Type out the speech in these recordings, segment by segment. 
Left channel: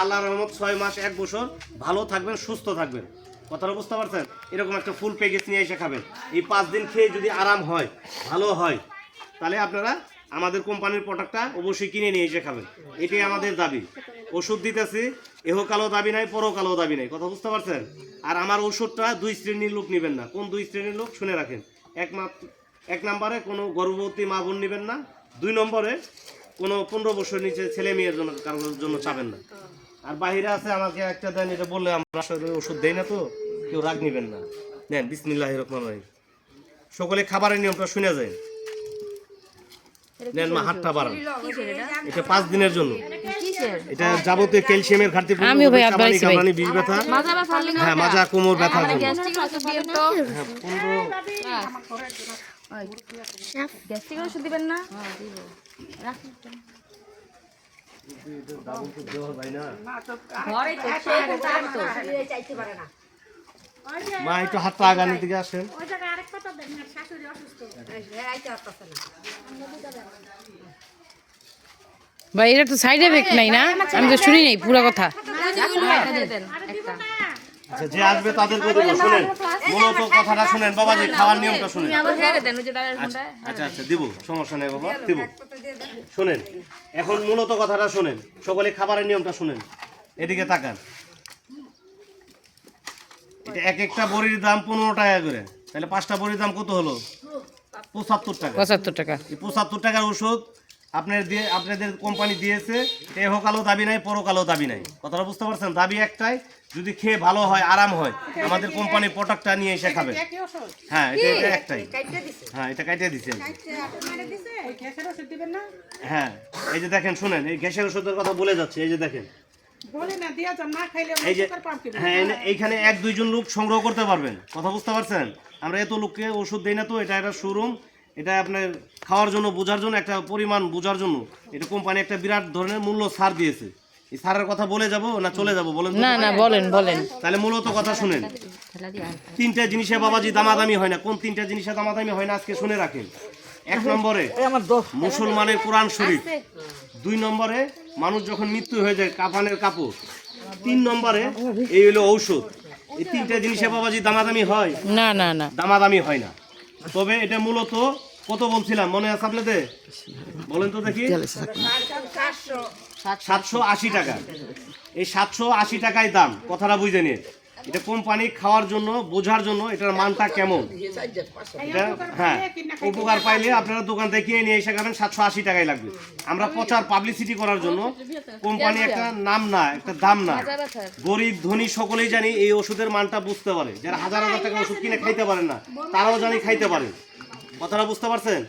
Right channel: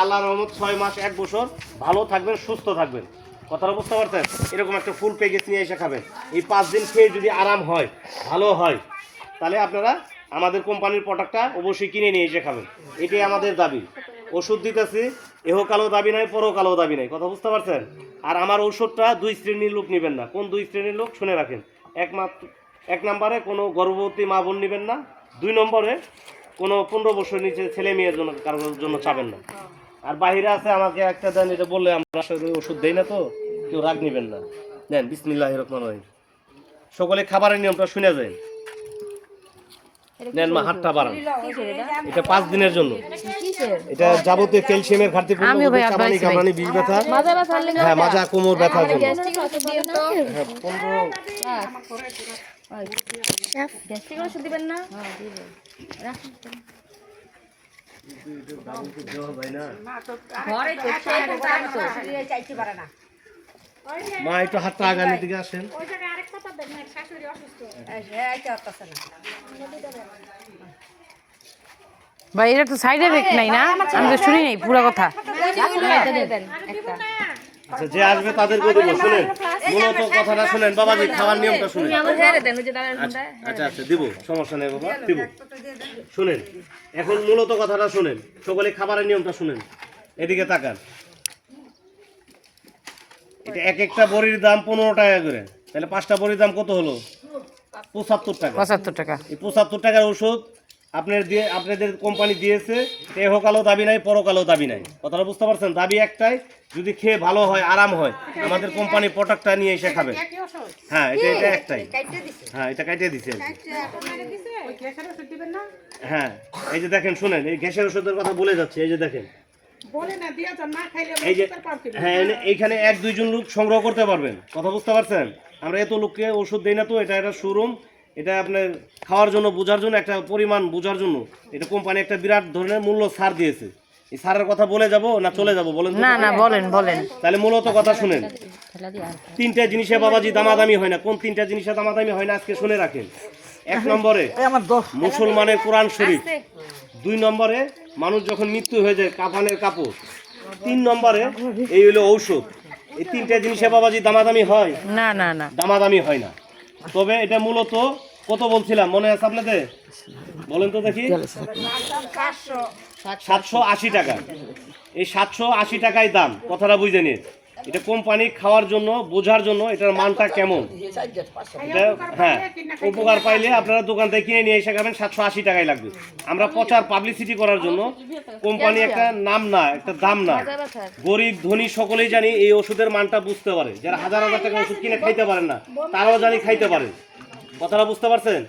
আল্লাহর রহমত 6 মাস 1 বছর ভালো থাকবেন, সুস্থ থাকবেন। কথাটা বুঝতে পারছেন? এরকম একটা ফুল প্যাকেজ নিয়ে এসে খাবেন। এই 5 দিন খেয়ে যদি আরাম হয়, ভালো হয়, তাহলে আপনারা আমাদের কোম্পানির প্রোডাক্টটা অবশ্যই কিনে নিয়ে এসে খাবেন। এটাই আমাদের দাবি। ওষুধ দিতেছি, এহকালও দাবি নাই, পরকালও দাবি নাই। কথা বুঝতে পারছেন? আর আমার ওষুধটা 2 শ্রেণীর লোক নেবেন না। কোন 2 শ্রেণীর লোক শুনে রাখেন। এক নম্বরে কোনো গর্ভবতী মা বোন নেবেন না। 2 নম্বরে কোনো 15 বছর নিচে ছেলে মেয়ের জন্য কারোর জন্য চাবেন না। আর বাহিরে আছে আমাকে একটা দেন, এটা বললে আমরা আসলে ওষুধ দেই না, তো কেউ রাগ নেবেন না। দেন, বিসমিল্লাহির রহমানির রহিম। সকলে খাবারের নিয়মটা শুনে যায়। নেন মা, হাতটা বাড়ান। এটা 5 দিনের জন্য। এটা যাবতীয় ক্যালসিয়ামের ঘাটতি পূরণ করবে, চাবানি কামড়ানি, বিষ ব্যথা, হ্যাঁ মাজা কোমর ব্যথার জন্য। হ্যাঁ 15 ওষুধ দিবেন না? মা একটু হাতটা আগামী দিকে আসেন। ভাই এটা তো সাইড এফেক্ট নাই না? আমি তো শুনি নাই পুরো কথা। আচ্ছা, যে আসবে তাদেরকে দেবো। শুনেন, মূলত কথাটা শুনেন বাবাজি, খাওয়ার নিয়মটা শুনেন। আচ্ছা আচ্ছা দিব, সমস্যা নেই বাবা, দিব। শুনেন, এখন মূলত কথাটা শুনেন, সকলে খাবারের নিয়মটা শুনেন। এদিকে তাকান। এটা একটা বড়ির দাম 15 টাকা করে, তাহলে 5টা বড়ির দাম কত হলো? 75 টাকা। 75 টাকা। এই 75 টাকার ওষুধ আপনাদের কোম্পানি দিয়েছে। এহকালও দাবি নাই, পরকালও দাবি নাই। কথাটা বুঝতে পারছেন? দাবি একটাই, যদি খেয়ে ভালো হয়, আরাম হয়, আমাদের কোম্পানির প্রোডাক্টটা নিয়ে এসে খাবেন। হ্যাঁ, এটা একটাই। হ্যাঁ, এটা কাটিয়ে দিচ্ছে। হ্যাঁ, এই যে দেখেন, শুনেন, এই গ্যাসের ওষুধের কথা বলে যাচ্ছে। এই যে দেখেন, এই যে হ্যাঁ, এইখানে 1-2 জন লোক সংগ্রহ করতে পারবেন। কথা বুঝতে পারছেন? আমরা এত লোককে ওষুধ দেই না, তো এটা একটা শোরুম। এটা আপনার খাওয়ার জন্য, বোঝার জন্য, একটা পরিমাণ বোঝার জন্য এটা কোম্পানি একটা বিরাট ধরনের মূল্য ছাড় দিয়েছে। এই ছাড়ের কথা বলে যাব না চলে যাব বলেন? না না, বলেন বলেন। তাহলে মূলত কথা শুনেন। 3টা জিনিসে বাবাজি দামাদামি হয় না। কোন 3টা জিনিসে দামাদামি হয় না আজকে শুনে রাখেন। 1 নম্বরে মুসলমানের কোরআন শরীফ। 2 নম্বরে মানুষ যখন মৃত্যু হয়ে যায়, কাফনের কাপড়। 3 নম্বরে এই হলো ঔষধ। এই 3টা জিনিসে বাবাজি দামাদামি হয় না না না, দামাদামি হয় না। তবে এটা মূলত কত বলছিলাম মনে আছে আপনাদের? বলেন তো দেখি। 780 টাকা। এই 780 টাকায় দাম। কথাটা বুঝে নিন। এটা কোম্পানি খাওয়ার জন্য, বোঝার জন্য এটার মানটা কেমন। এটা হ্যাঁ, উপকার পাইলে আপনারা দোকান থেকে কিনে নিয়ে এসে খাবেন। 780 টাকাই লাগবে। আমরা প্রচার পাবলিসিটি করার জন্য কোম্পানি একটা নাম না, একটা দাম না। গরিব ধনী সকলেই জানি এই ওষুধের মানটা বুঝতে পারে। যারা হাজার হাজার টাকা ওষুধ কিনে খাইতে পারেন না, তারাও জানি খাইতে পারেন। কথাটা বুঝতে পারছেন?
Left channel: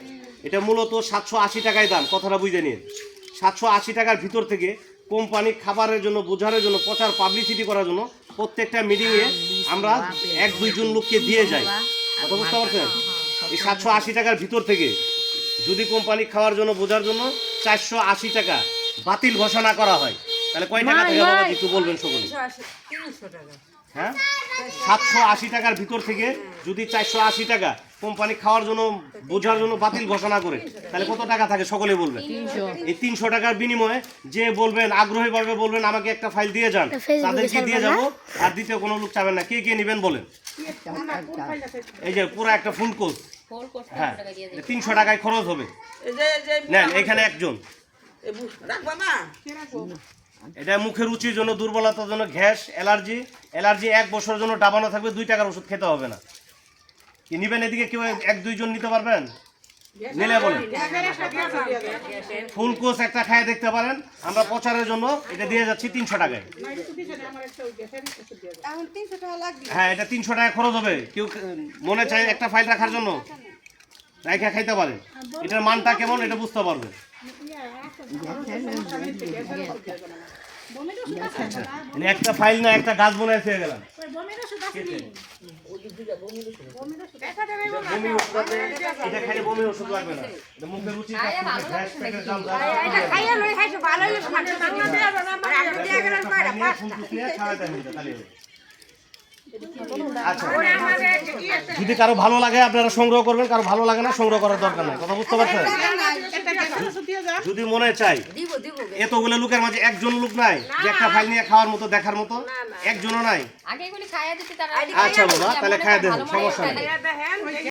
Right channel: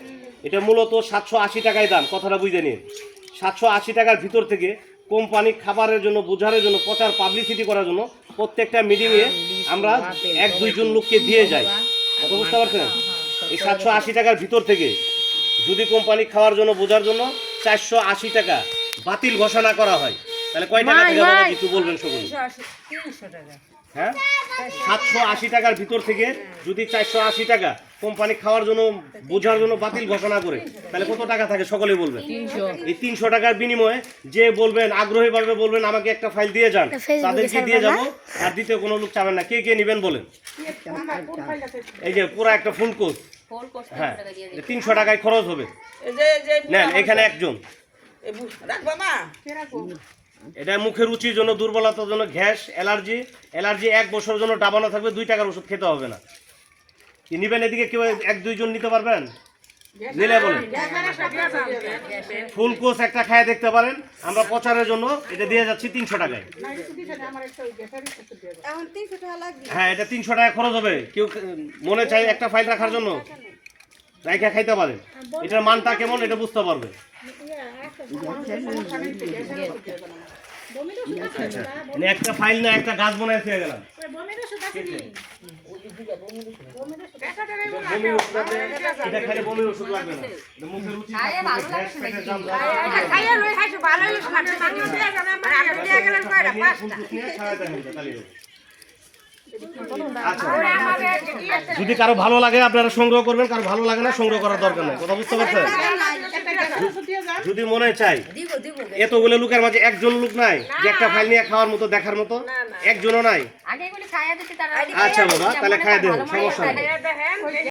এটা মূলত 780 টাকায় দাম। কথাটা বুঝে নিন। 780 টাকার ভিতর থেকে কোম্পানি খাবারের জন্য, বোঝারের জন্য, প্রচার পাবলিসিটি করার জন্য প্রত্যেকটা মিটিংয়ে আমরা 1-2 জন লোককে দিয়ে যাই। কথা বুঝতে পারছেন? এই 780 টাকার ভিতর থেকে যদি কোম্পানি খাওয়ার জন্য, বোঝার জন্য 480 টাকা বাতিল ঘোষণা করা হয়, তাহলে কয় টাকা থেকে বাবা একটু বলবেন সকলে? 300 টাকা। হ্যাঁ, 780 টাকার ভিতর থেকে যদি 480 টাকা কোম্পানি খাওয়ার জন্য, বোঝার জন্য বাতিল ঘোষণা করে, তাহলে কত টাকা থাকে সকলে বলবেন? এই 300 টাকার বিনিময়ে যে বলবেন, আগ্রহীভাবে বলবেন আমাকে একটা ফাইল দিয়ে যান, তাদেরকে দিয়ে যাব। আর দ্বিতীয় কোনো লোক চাবেন না। কে কে নেবেন বলেন? এই যে পুরো একটা ফুল কোর্স। হ্যাঁ, 300 টাকায় খরচ হবে। নেন, এখানে একজন। এটা মুখের রুচির জন্য, দুর্বলতার জন্য, গ্যাস, অ্যালার্জি 1 বছরের জন্য ডাবানো থাকবে। 2 টাকার ওষুধ খেতে হবে না। কি নিবেন? এদিকে কেউ 1-2 জন নিতে পারবেন? নিলে বলেন। ফুল কোর্স একটা খায় দেখতে পারেন। আমরা প্রচারের জন্য এটা দিয়ে যাচ্ছি 300 টাকায়। হ্যাঁ, এটা 300 টাকা খরচ হবে। কেউ মনে চাই একটা ফাইল রাখার জন্য রাইখা খাইতে পারেন। এটার মানটা কেমন এটা বুঝতে পারবেন। আচ্ছা, একটা ফাইল না, একটা গাছ বনায় খেয়ে গেলাম। এটা খাইলে বমির ওষুধ লাগবে না। মুখের রুচি আচ্ছা যদি কারো ভালো লাগে আপনারা সংগ্রহ করবেন, কারো ভালো লাগে না সংগ্রহ করার দরকার নেই, কথা বুঝতে পারছেন? যদি মনে চাই এতগুলো লোকের মাঝে একজন লোক নাই যে একটা ফাইল নিয়ে খাওয়ার মতো দেখার মতো, একজনও নাই। আচ্ছা বাবা তাহলে খাইয়ে দেন, সমস্যা নেই।